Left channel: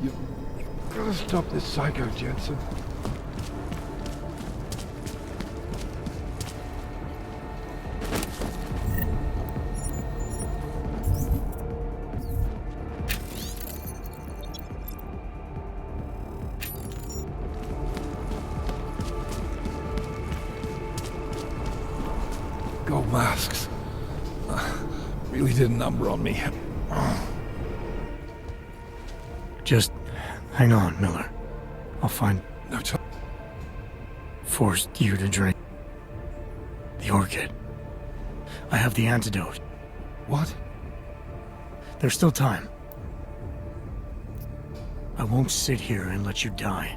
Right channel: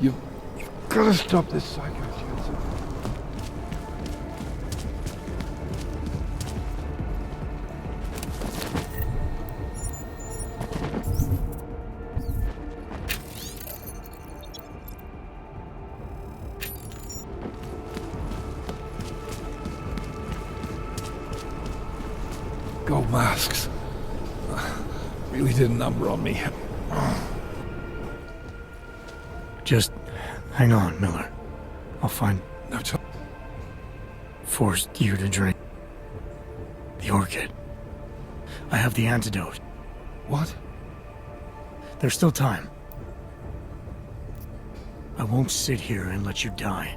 You've gotta stop this psycho, Jensen. Gold masks. Really did a number on me. Just hang on, Miller. I'll find... No time. Forced you to drink. The orchid. I have the antidote. What? There's still time. I won't sit here and let you die.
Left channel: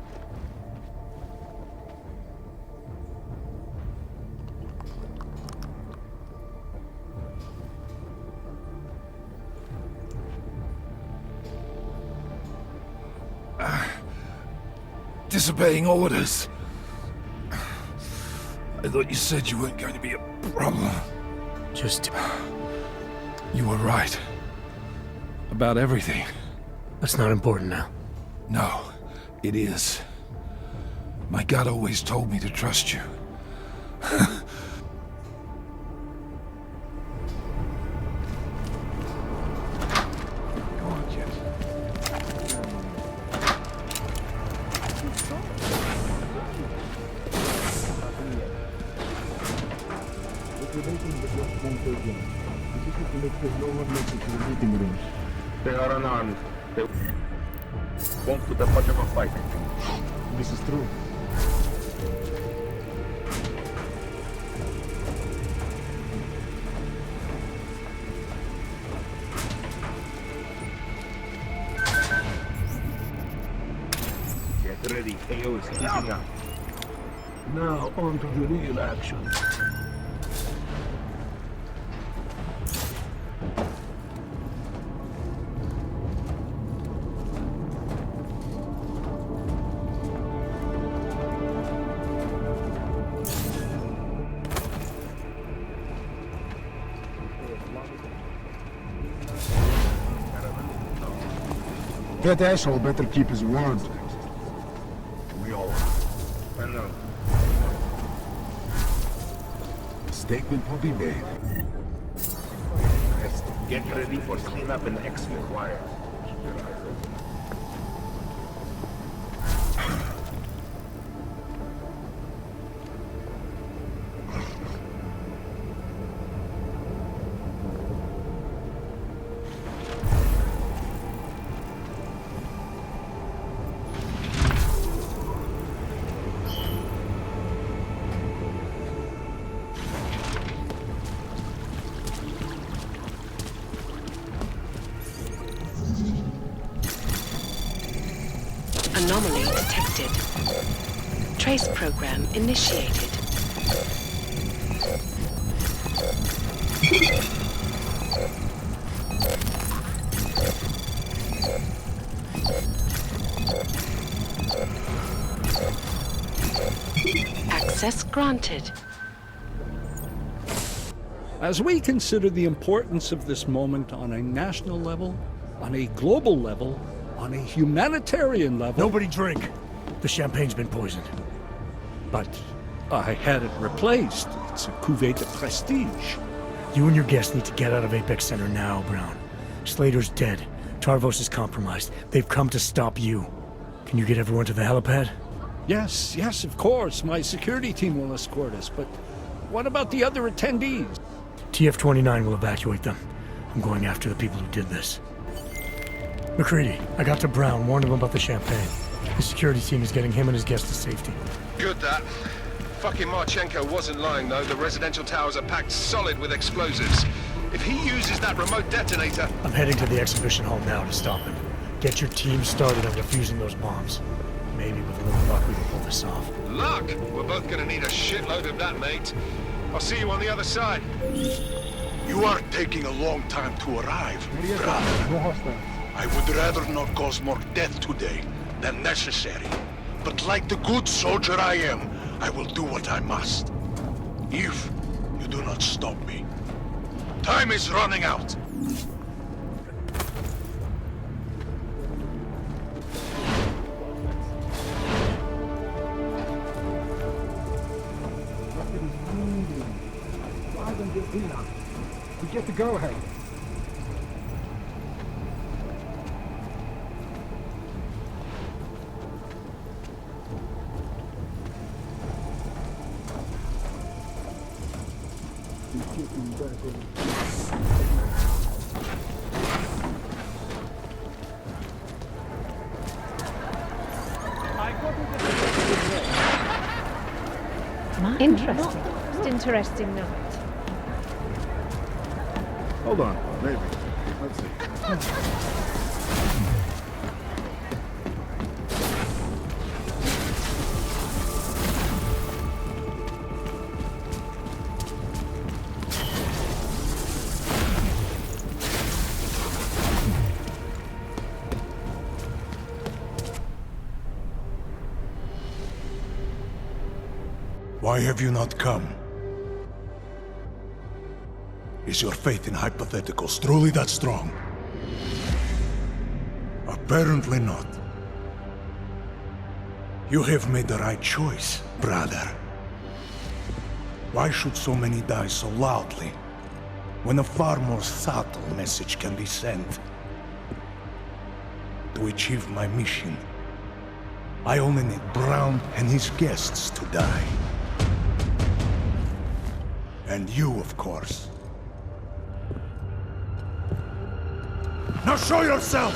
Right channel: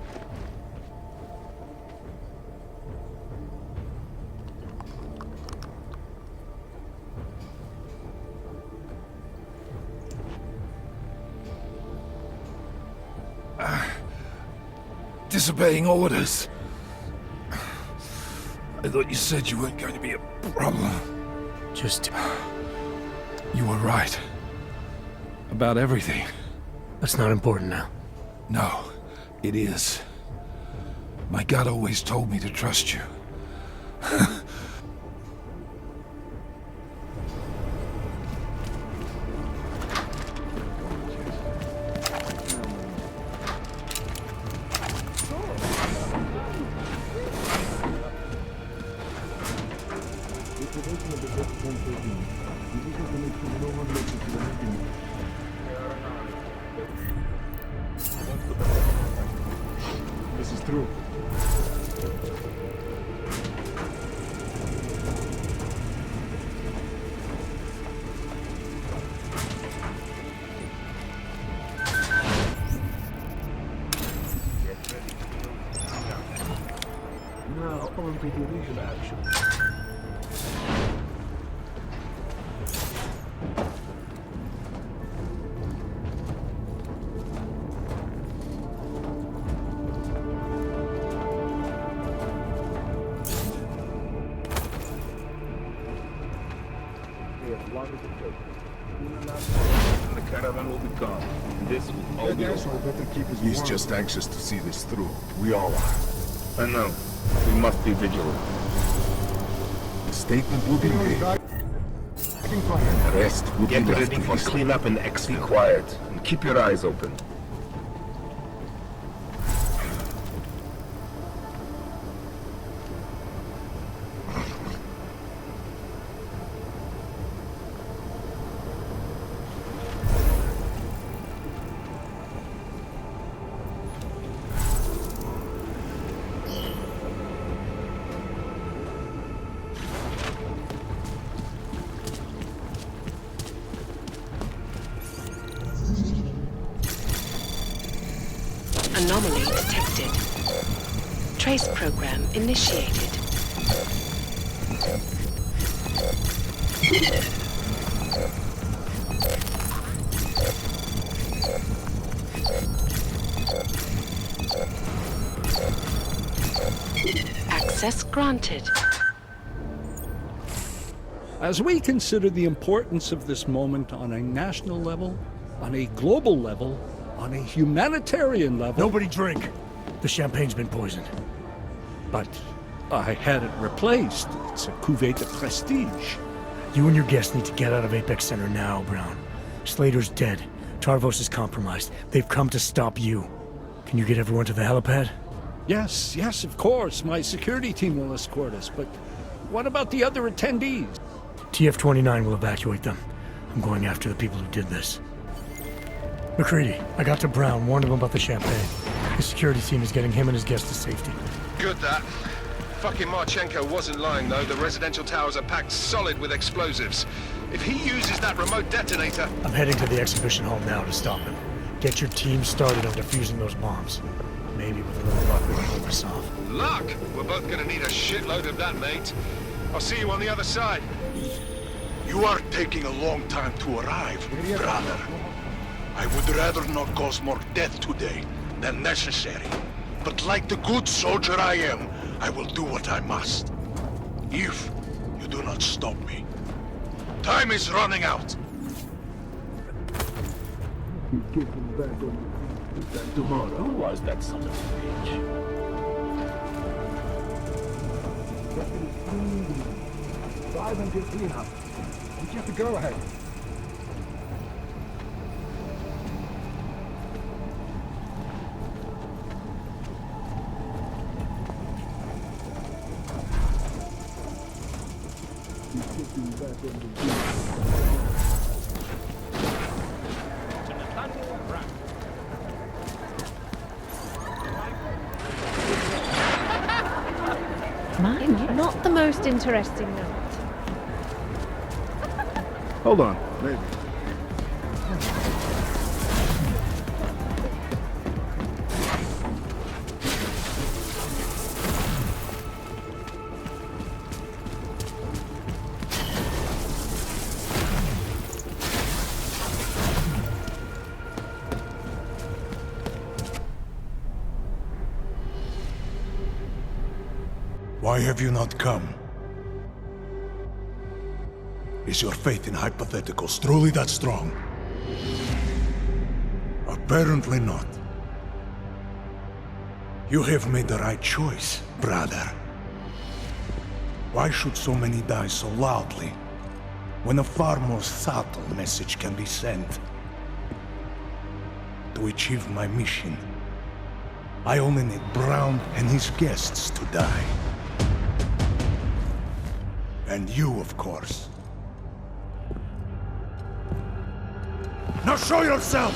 Disobeying orders. I thought you said you weren't going to be a problem. Just... You were right. About everything. That's not important now. No, it is. My gut always told me to trust you. They are unarmed. They won't put up much of a fight. This is true. Get ready, Deus. Now on to the real action. That asshole better keep his word. He's just anxious to see this through. We all are. I know. We must be vigilant. The statement will be made. The The rest will be Get left ready to to history. clean up and be quiet. And keep your eyes open. Anomaly detected. Trace program initiated. Access granted. As we consider the importance of this moment on a national level, on a global level, on a humanitarian level... Nobody drink! The champagne's been poisoned. But I had it replaced. It's a cuvée de prestige. You and your guests need to get out of Apex Center now, Brown. Slater's dead. Tarvos is compromised. They've come to stop you. Can you get everyone to the helipad? Yes, yes, of course. My security team will escort us. But what about the other attendees? TF-29 will evacuate them. I'm going after the people who did this. McCready, I got to Brown, warned him about the champagne. The security team is getting him and his guests to safety. Good, that. Fucking Marchenko wasn't lying, though. The residential towers are packed solid with explosives. If he uses that remote detonator... I'm heading to the exhibition hall now to stop him. Get your team started on defusing those bombs. Maybe with a little luck we can pull this off. Luck? We're both gonna need a shitload of that, mate. I'll see you on the other side. You are taking a long time to arrive, brother. I would rather not cause more death today than necessary. But like the good soldier I am, I will do what I must. If you do not stop me. Time is running out. Who was that something? Drive and get Dina. You get the go-ahead. Not the most interesting night. Hold on, maybe. Why have you not come? Is your faith in hypotheticals truly that strong? Apparently not. You have made the right choice, brother. Why should so many die so loudly, when a far more subtle message can be sent? To achieve my mission, I only need Brown and his guests to die. And you, of course. Now show yourself!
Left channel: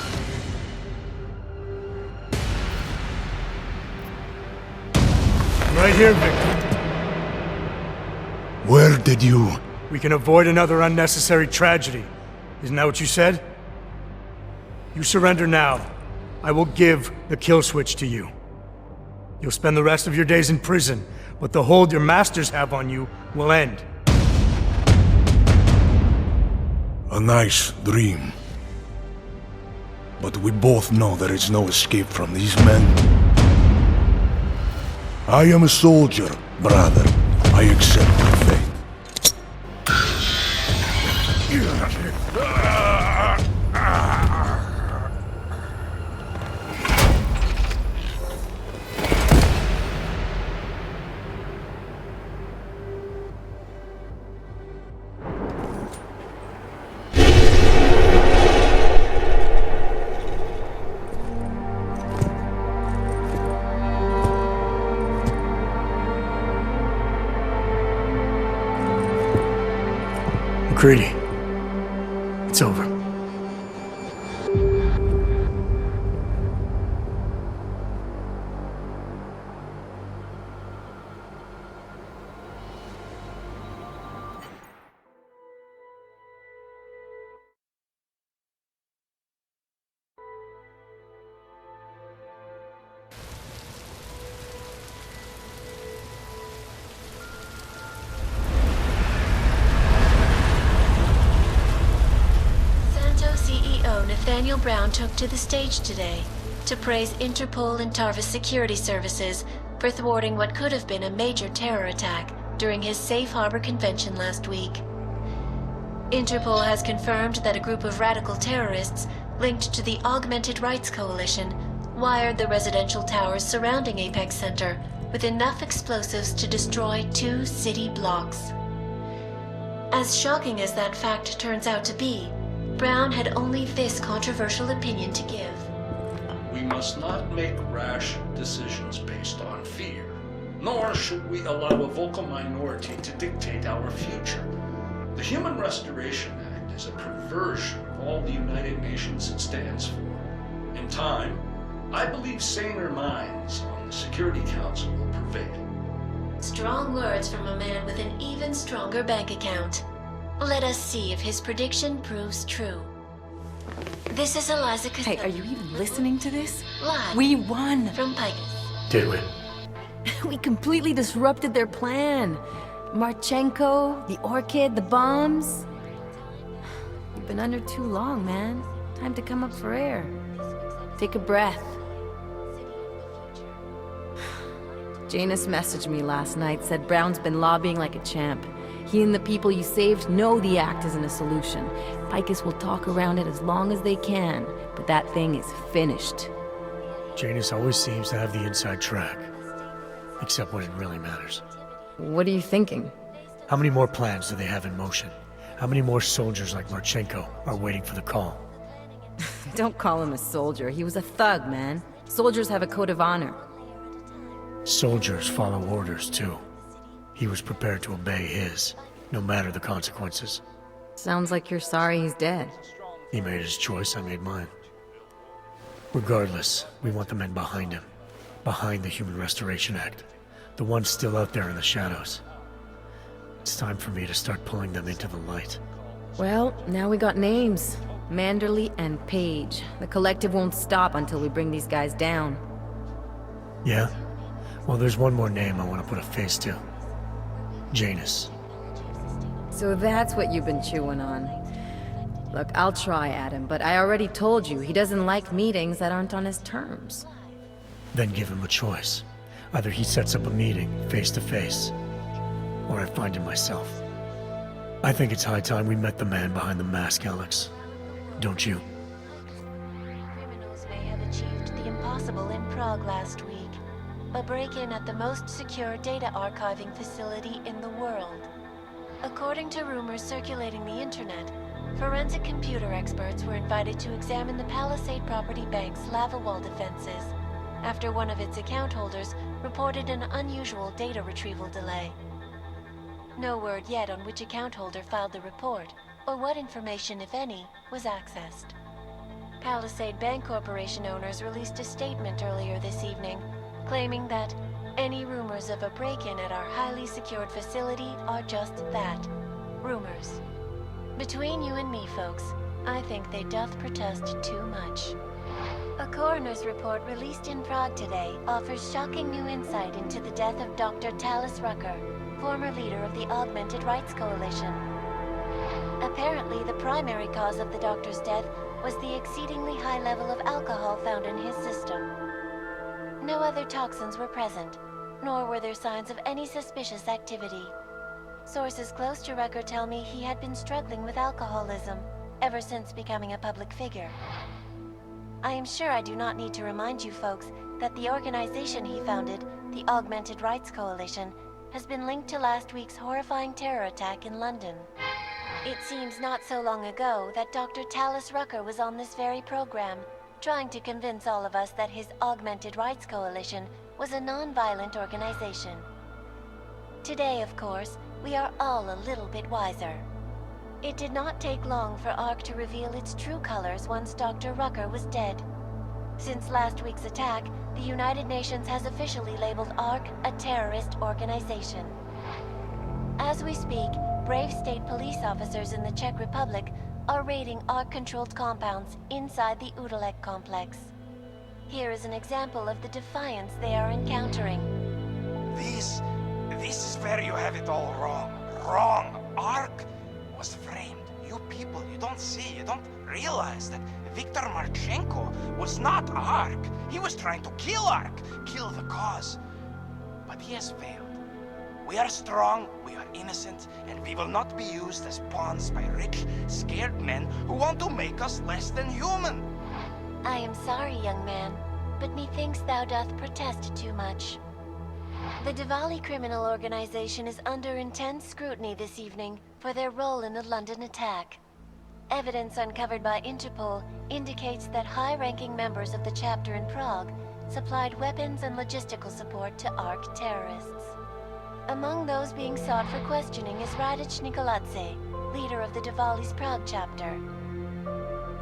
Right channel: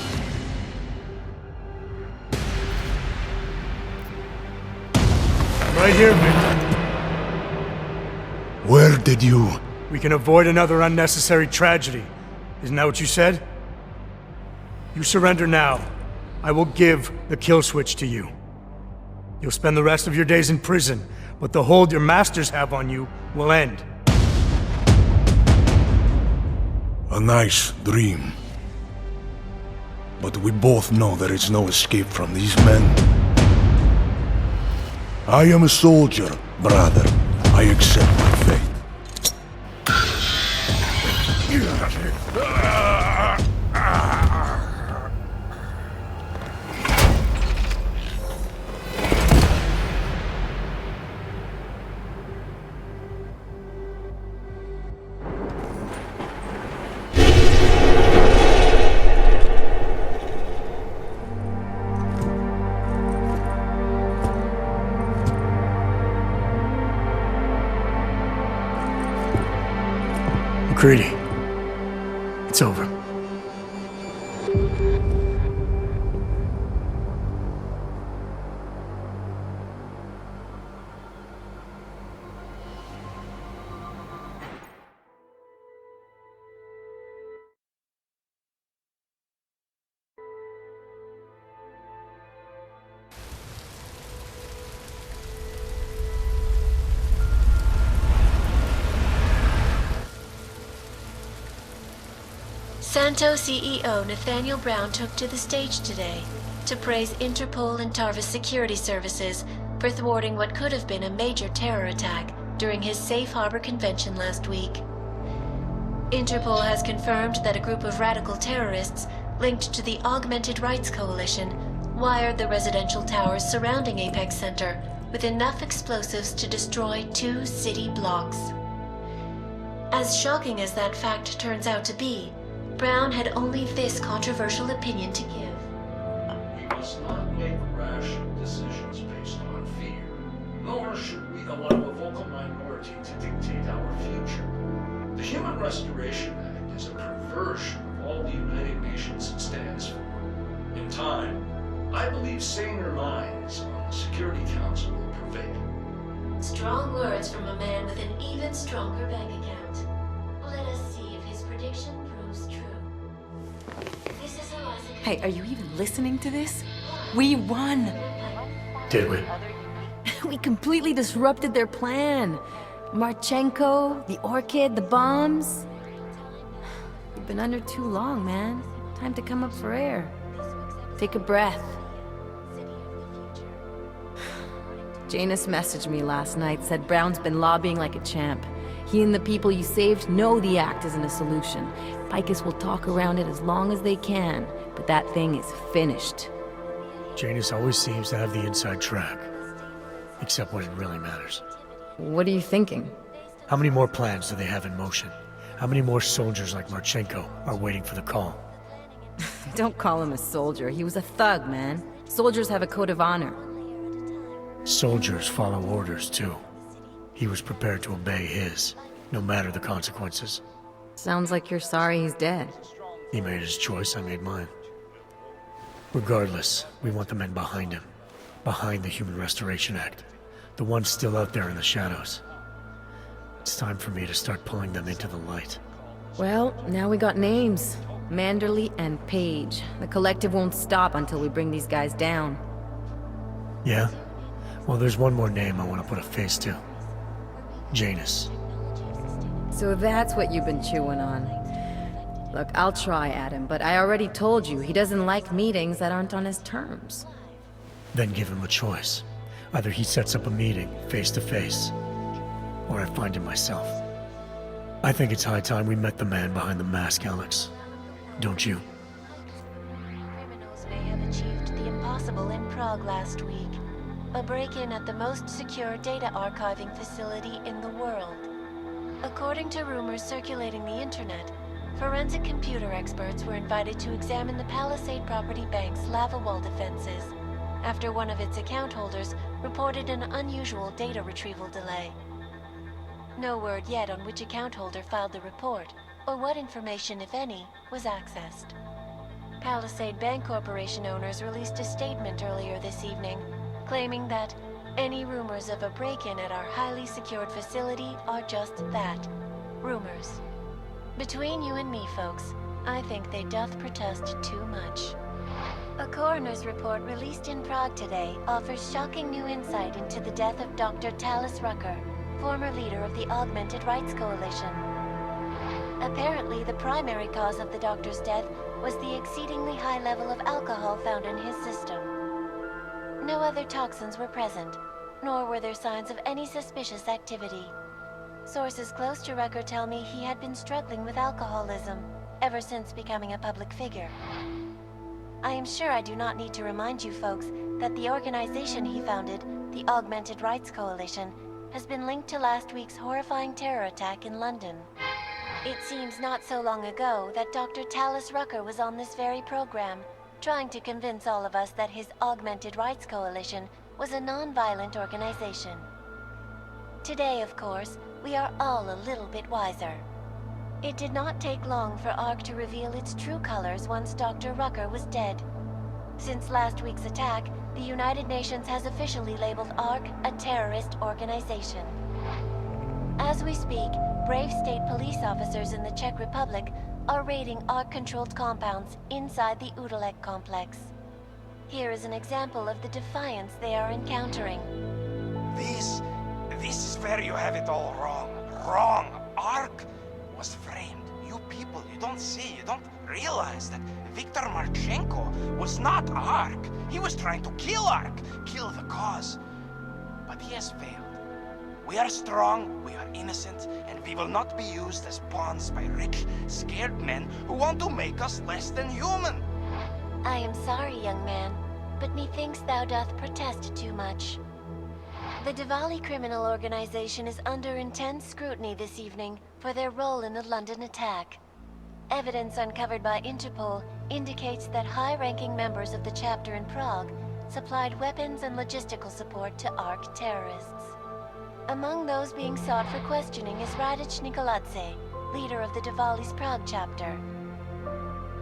Right here, Victor. Where did you... We can avoid another unnecessary tragedy. Isn't that what you said? You surrender now. I will give the kill switch to you. You'll spend the rest of your days in prison, but the hold your masters have on you will end. A nice dream. But we both know there is no escape from these men. I am a soldier, brother. I accept my fate. McCready, it's over. Santo CEO Nathaniel Brown took to the stage today to praise Interpol and Tarvis security services for thwarting what could have been a major terror attack during his safe harbor convention last week. Interpol has confirmed that a group of radical terrorists linked to the Augmented Rights Coalition wired the residential towers surrounding Apex Center with enough explosives to destroy 2 city blocks. As shocking as that fact turns out to be, Brown had only this controversial opinion to give. We must not make rash decisions based on fear, nor should we allow a vocal minority to dictate our future. The Human Restoration Act is a perversion of all the United Nations stands for. In time, I believe saner minds on the Security Council will prevail. Strong words from a man with an even stronger bank account. Let us see if his prediction proves true. This is Eliza Hey, are you even listening to this? Live We won! from Pike. Did we? We completely disrupted their plan. Marchenko, the Orchid, the bombs. You've been under too long, man. Time to come up for air. Take a breath. Janus messaged me last night, said Brown's been lobbying like a champ. He and the people you saved know the act isn't a solution. Picus will talk around it as long as they can, but that thing is finished. Janus always seems to have the inside track. Except when it really matters. What are you thinking? How many more plans do they have in motion? How many more soldiers like Marchenko are waiting for the call? Don't call him a soldier. He was a thug, man. Soldiers have a code of honor. Soldiers follow orders, too. He was prepared to obey his, no matter the consequences. Sounds like you're sorry he's dead. He made his choice, I made mine. Regardless, we want the men behind him. Behind the Human Restoration Act. The ones still out there in the shadows. It's time for me to start pulling them into the light. Well, now we got names. Manderley and Page. The collective won't stop until we bring these guys down. Yeah? Well, there's one more name I want to put a face to. Janus. So that's what you've been chewing on. Look, I'll try, Adam, but I already told you he doesn't like meetings that aren't on his terms. Then give him a choice. Either he sets up a meeting, face to face, or I find him myself. I think it's high time we met the man behind the mask, Alex. Don't you? Criminals may have achieved the impossible in Prague last week. A break-in at the most secure data archiving facility in the world. According to rumors circulating the internet, forensic computer experts were invited to examine the Palisade Property Bank's lava wall defenses after one of its account holders reported an unusual data retrieval delay. No word yet on which account holder filed the report, or what information, if any, was accessed. Palisade Bank Corporation owners released a statement earlier this evening, claiming that any rumors of a break-in at our highly secured facility are just that, rumors. Between you and me, folks, I think they doth protest too much. A coroner's report released in Prague today offers shocking new insight into the death of Dr. Talis Rucker, former leader of the Augmented Rights Coalition. Apparently, the primary cause of the doctor's death was the exceedingly high level of alcohol found in his system. No other toxins were present, nor were there signs of any suspicious activity. Sources close to Rucker tell me he had been struggling with alcoholism ever since becoming a public figure. I am sure I do not need to remind you folks that the organization he founded, the Augmented Rights Coalition, has been linked to last week's horrifying terror attack in London. It seems not so long ago that Dr. Talis Rucker was on this very program, trying to convince all of us that his Augmented Rights Coalition was a non-violent organization. Today, of course, we are all a little bit wiser. It did not take long for ARC to reveal its true colors once Dr. Rucker was dead. Since last week's attack, the United Nations has officially labeled ARC a terrorist organization. As we speak, brave state police officers in the Czech Republic are raiding ARC-controlled compounds inside the Udalek complex. Here is an example of the defiance they are encountering. This is where you have it all wrong. Wrong! ARC was framed. You people, you don't see, you don't realize that Viktor Marchenko was not ARC. He was trying to kill ARC, kill the cause. But he has failed. We are strong, we are innocent, and we will not be used as pawns by rich, scared men who want to make us less than human. I am sorry, young man, but methinks thou doth protest too much. The Diwali criminal organization is under intense scrutiny this evening for their role in the London attack. Evidence uncovered by Interpol indicates that high-ranking members of the chapter in Prague supplied weapons and logistical support to ARC terrorists. Among those being sought for questioning is Radic Nikoladze, leader of the Diwali's Prague chapter.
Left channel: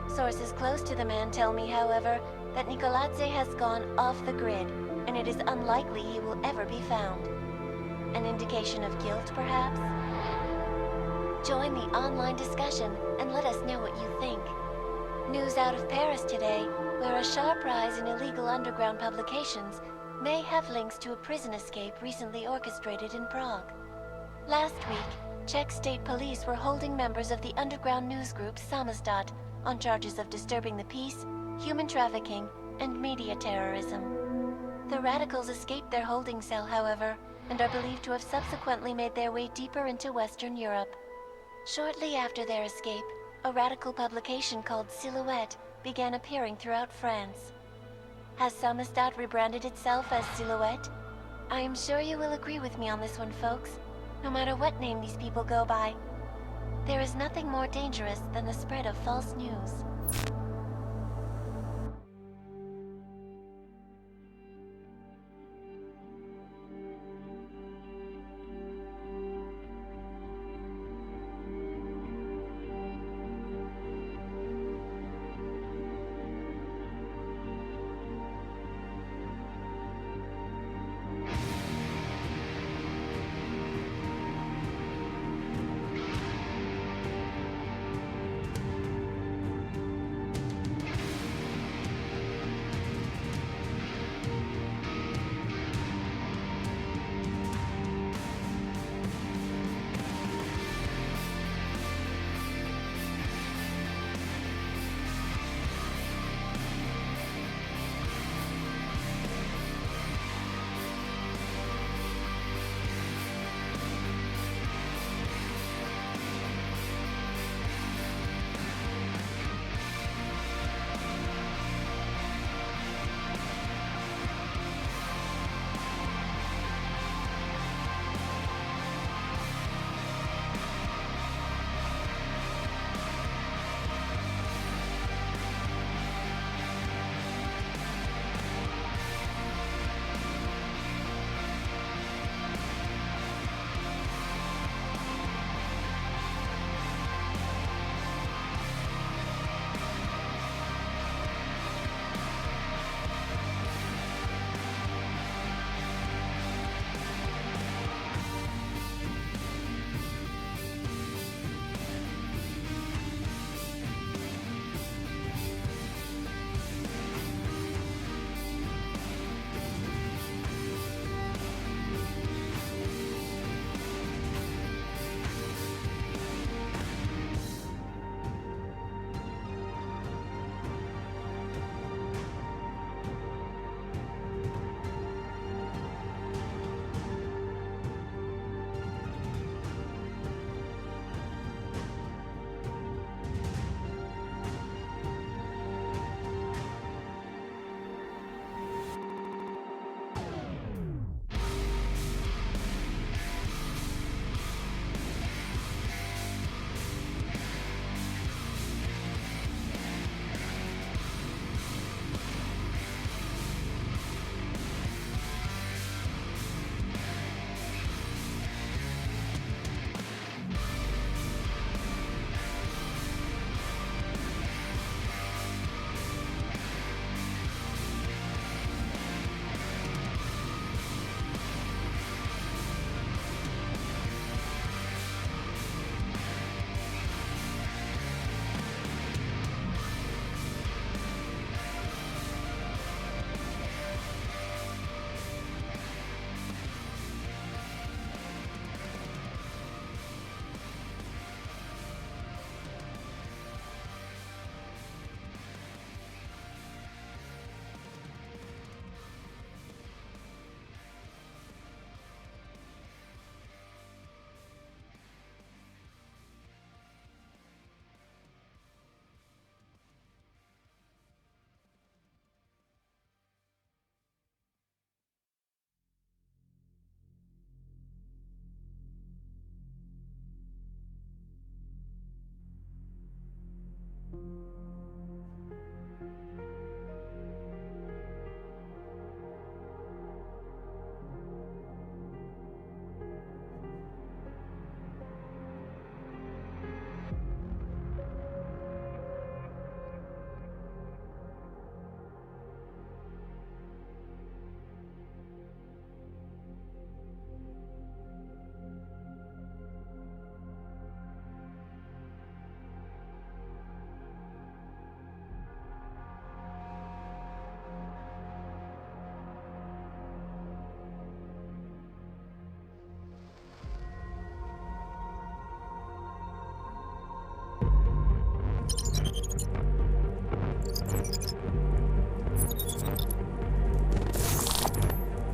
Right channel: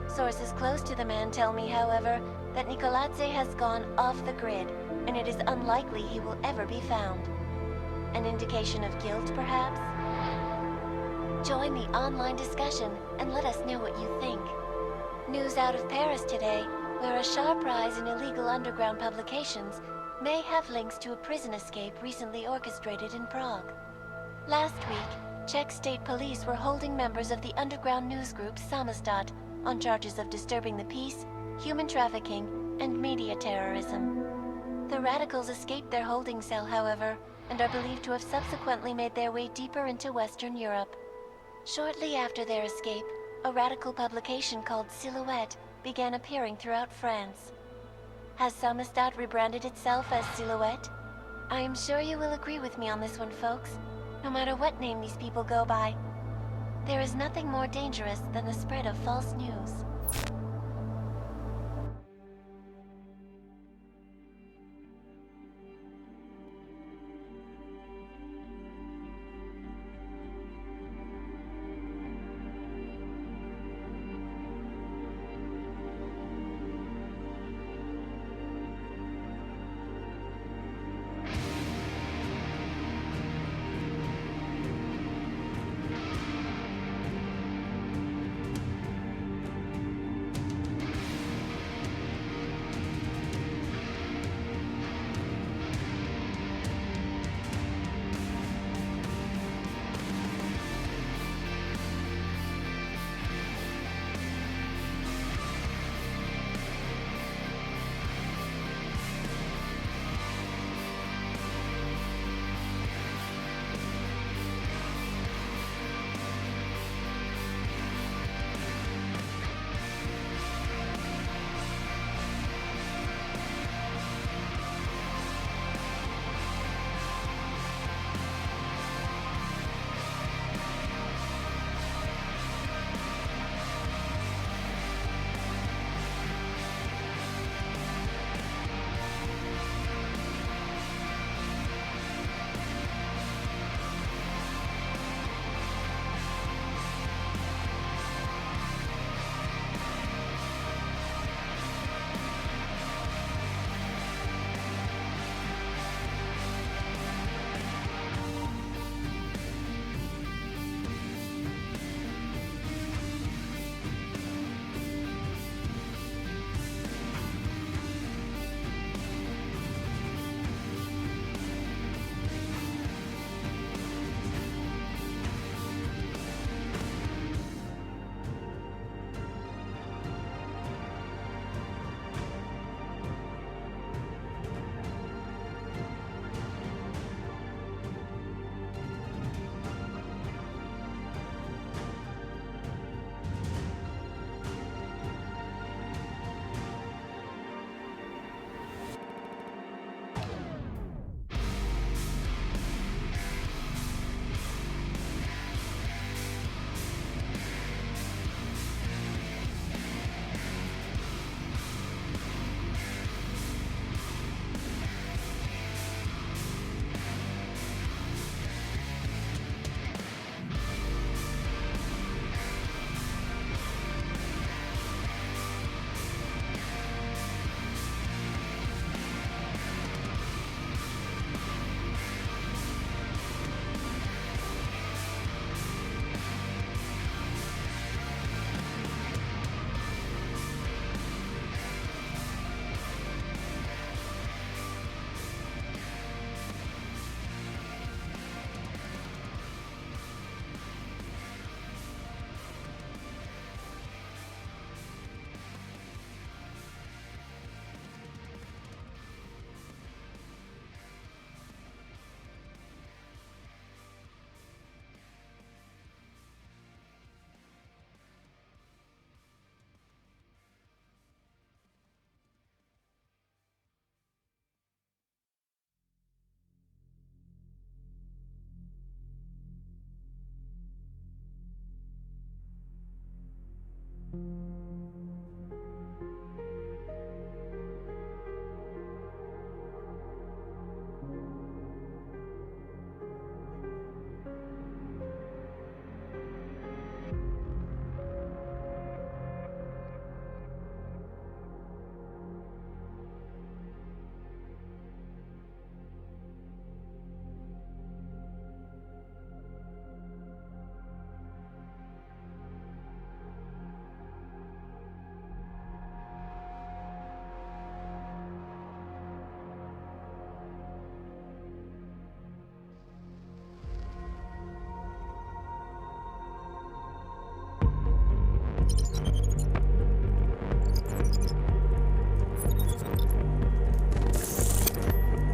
Sources close to the man tell me, however, that Nikoladze has gone off the grid, and it is unlikely he will ever be found. An indication of guilt, perhaps? Join the online discussion and let us know what you think. News out of Paris today, where a sharp rise in illegal underground publications may have links to a prison escape recently orchestrated in Prague. Last week, Czech state police were holding members of the underground news group Samizdat on charges of disturbing the peace, human trafficking, and media terrorism. The radicals escaped their holding cell, however, and are believed to have subsequently made their way deeper into Western Europe. Shortly after their escape, a radical publication called Silhouette began appearing throughout France. Has Samizdat rebranded itself as Silhouette? I am sure you will agree with me on this one, folks. No matter what name these people go by, there is nothing more dangerous than the spread of false news.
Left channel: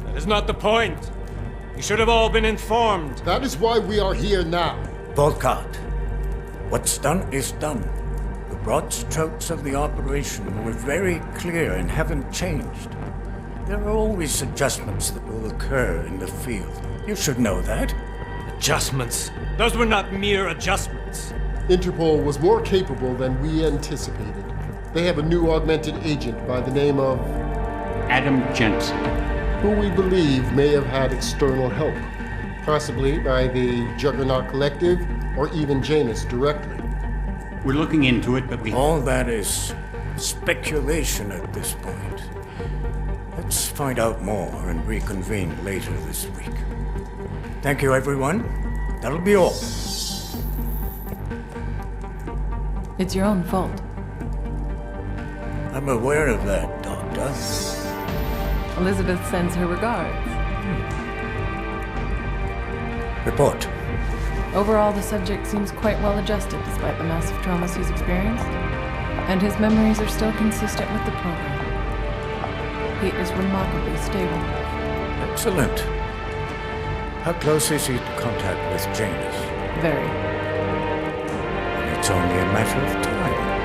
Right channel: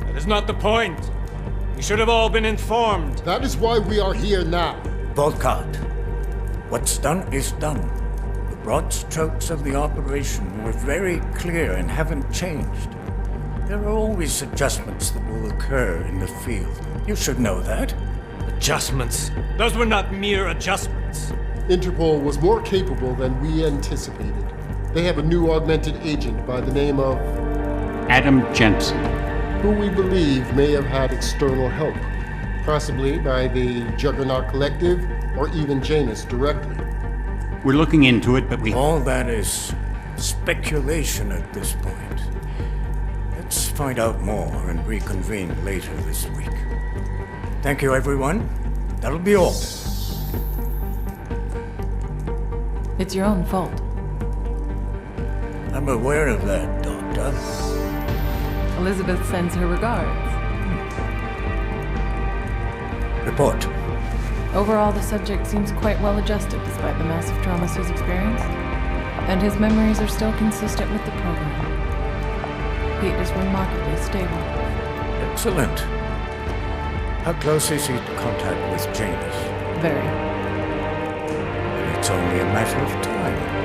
That is not the point. You should have all been informed. That is why we are here now. Volkart, what's done is done. The broad strokes of the operation were very clear and haven't changed. There are always adjustments that will occur in the field. You should know that. Adjustments? Those were not mere adjustments. Interpol was more capable than we anticipated. They have a new augmented agent by the name of... Adam Jensen. Who we believe may have had external help. Possibly by the Juggernaut Collective, or even Janus directly. We're looking into it, but we... All that is speculation at this point. Let's find out more and reconvene later this week. Thank you, everyone. That'll be all. It's your own fault. I'm aware of that, Doctor. Elizabeth sends her regards. Report. Overall, the subject seems quite well adjusted despite the massive traumas he's experienced, and his memories are still consistent with the program. He is remarkably stable. Excellent. How close is he to contact with Janus? Very. It's only a matter of time.